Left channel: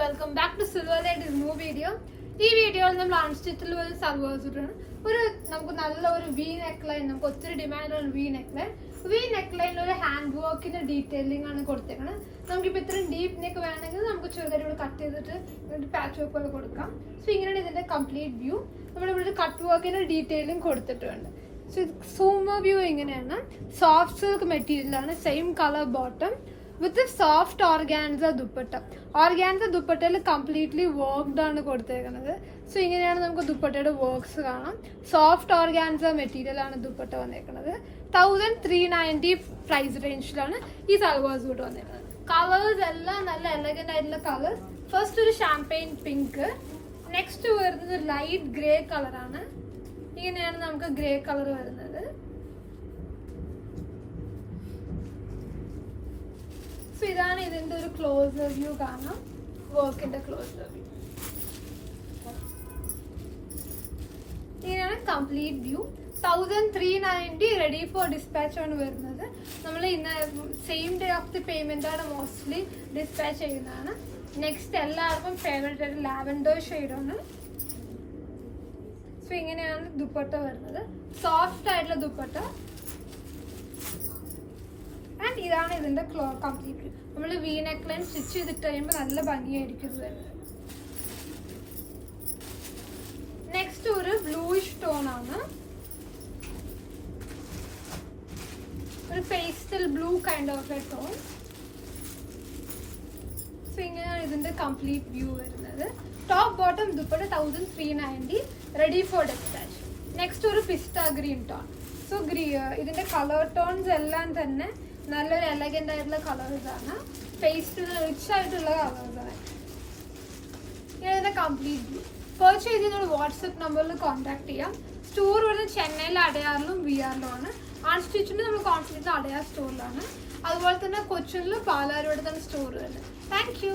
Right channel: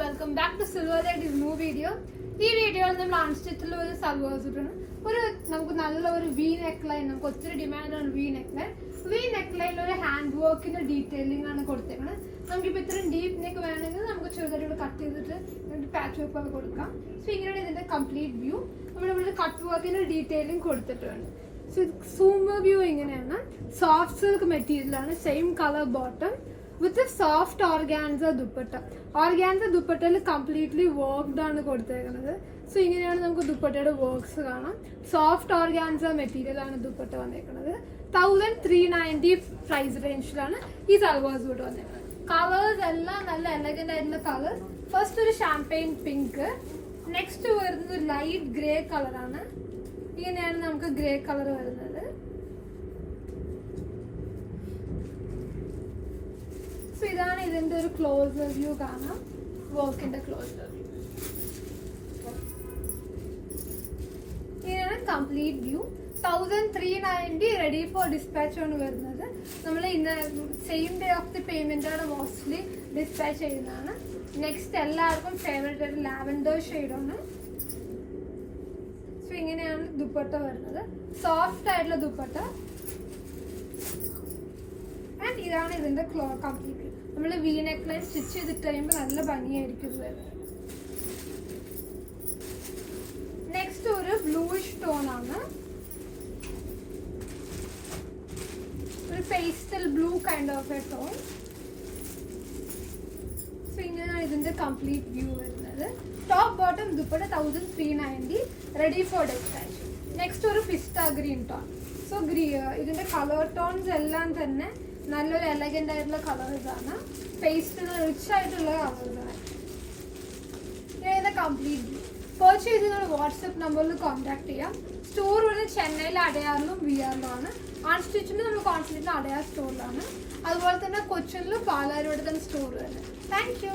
Welcome back to സിൽവറിന്റെ new video. ഈ വീഡിയോയിൽ നമ്മൾ അൺസ്റ്റിച്ചിൽ ഒരു സൽവാർ ഒരു നമുക്ക് നല്ല ഒരു വി നെക്ക് ലൈൻ, നമുക്ക് ഒത്തിരി ഡിമാൻഡാണ് V neck line. V neck ലൈനിൽ ഒരു ഹാൻഡ് വർക്കിന്റെ ഡീറ്റെയിലിംഗ് ആണ് കൊടുത്തേക്കുന്നത്. നമുക്കിപ്പോൾ ഇത്രയും ഡീപ്പ് നെക്ക് വേണമെങ്കിൽ നമുക്ക് ചെറുതായിട്ട് ഇവിടെ കട്ട് ചെയ്തിട്ട് പാച്ച് വർക്ക് പോലെ കൊടുക്കാം. സോ ഇങ്ങനെയാണ് ഇതിന്റെ കംപ്ലീറ്റ് വ്യൂ. നമ്മളിവിടെ കട്ട് വർക്കിന്റെ ഡീറ്റെയിലിംഗ് കൊടുത്തിട്ടുണ്ട്. സോ സൂമർ വ്യൂ ഇങ്ങനെയാണ്. സോഫ്റ്റ് സിൽക്ക് മെറ്റീരിയലാണ്, same colour bottom with soft organza dupatta. Organza ദുപ്പട്ടയിൽ കംപ്ലീറ്റ്ലി വർക്ക്ഡ് ആണ് കൊടുത്തേക്കുന്നത്. സോ ഇങ്ങനെയാണ് നമുക്ക് ദുപ്പട്ടയുടെ വർക്ക്സ് കാണാം. സോഫ്റ്റ് ഓർഗാൻസ മെറ്റീരിയൽ ആണ് ദുപ്പട്ട വന്നേക്കുന്നത്. 1390 പ്രൈസ് റേഞ്ചിലാണ് ഈ സൽവാർ സൂട്ട് വന്നേക്കുന്നത്. കളേഴ്സ് എല്ലാം നല്ല എലഗന്റ് ആയിട്ടുള്ള കളേഴ്സ്. ഫസ്റ്റ് ഒരു ഷാംപെയിൻ പിങ്ക്, നെക്സ്റ്റ് വരുന്നത് ലൈറ്റ് ഗ്രേ കളറാണ്. ഇങ്ങനെയാണ് നമുക്ക് ഗ്രേ കളർ വരുന്നത്. സോ ഇതാണ് ഇതിന്റെ ഒരു ക്ലോസ് വ്യൂ കാണാം, വർക്കിന്റെ ക്ലോസ് വ്യൂ. ഇങ്ങനെയാണ് complete view. 1390 ready for dispatch ആണ് വരുന്നത്. നമ്മൾ ഇന്ന് same day of the payment ആണ് മോസ്റ്റ്ലി ഡിസ്പാച്ച് ചെയ്യുന്നതാണ്. നെക്സ്റ്റ് എല്ലാവർക്കും ഫേവറേറ്റ് ആയിട്ട് ലാവൻഡർ ഷെയ്ഡാണ്. സോ ഇങ്ങനെയാണ് ദുപ്പട്ട വരുന്നത്, സോഫ്റ്റ് ആയിട്ടുള്ള ദുപ്പട്ട. ആൻഡ് ഇതാണ് ഇതിന്റെ കംപ്ലീറ്റ്. നമ്മൾ വി നെക്ക് ലൈൻ സ്റ്റിച്ച് ചെയ്തിട്ട് കഴിയുമ്പോൾ നല്ല ഭംഗിയായിരിക്കും ഇത് വരുന്നത്. നെക്സ്റ്റ് ഒരു ബ്ലൂയിഷ് ടോൺ ആണ്, ഒരു pastel blue kind of A tone. So ഇങ്ങനെയാണ് ഇതിന്റെ കംപ്ലീറ്റ് വ്യൂ വരുന്നത്. Top bottom dupatta 1390 ready for dispatch. Next ഒരു പിസ്ത ഗ്രീൻ ടോൺ. സോ ഇതിന്റെ കളർ ടോൺസ് എല്ലാം തന്നെ നല്ലൊരു എലഗന്റ് ആയിട്ടുള്ള കളേഴ്സ് ആണ്. പേസ്റ്റിൽ റിച്ച് ആയിട്ടുള്ള കളേഴ്സ് ആണ്. ഇതിന്റെ കംപ്ലീറ്റ് വ്യൂ. പർച്ചേസ് ചെയ്ത് നിങ്ങൾ വാട്സ്ആപ്പ് നമ്പറിൽ കോൺടാക്ട് ചെയ്യാം. സ്റ്റോർ വരുന്നത് ചെന്നൈയിൽ അടയാറിലും വിആറിലും ആണ്. അൺസ്റ്റിച്ചിന് നമ്മൾ കോൺഫിഡൻസ് അടയാർ സ്റ്റോറിലാണ്. അതുപോലെ തന്നെ കൊച്ചിനിലും പാലാരോട് തന്നെ സ്റ്റോർ വരുന്നത്. Thank you.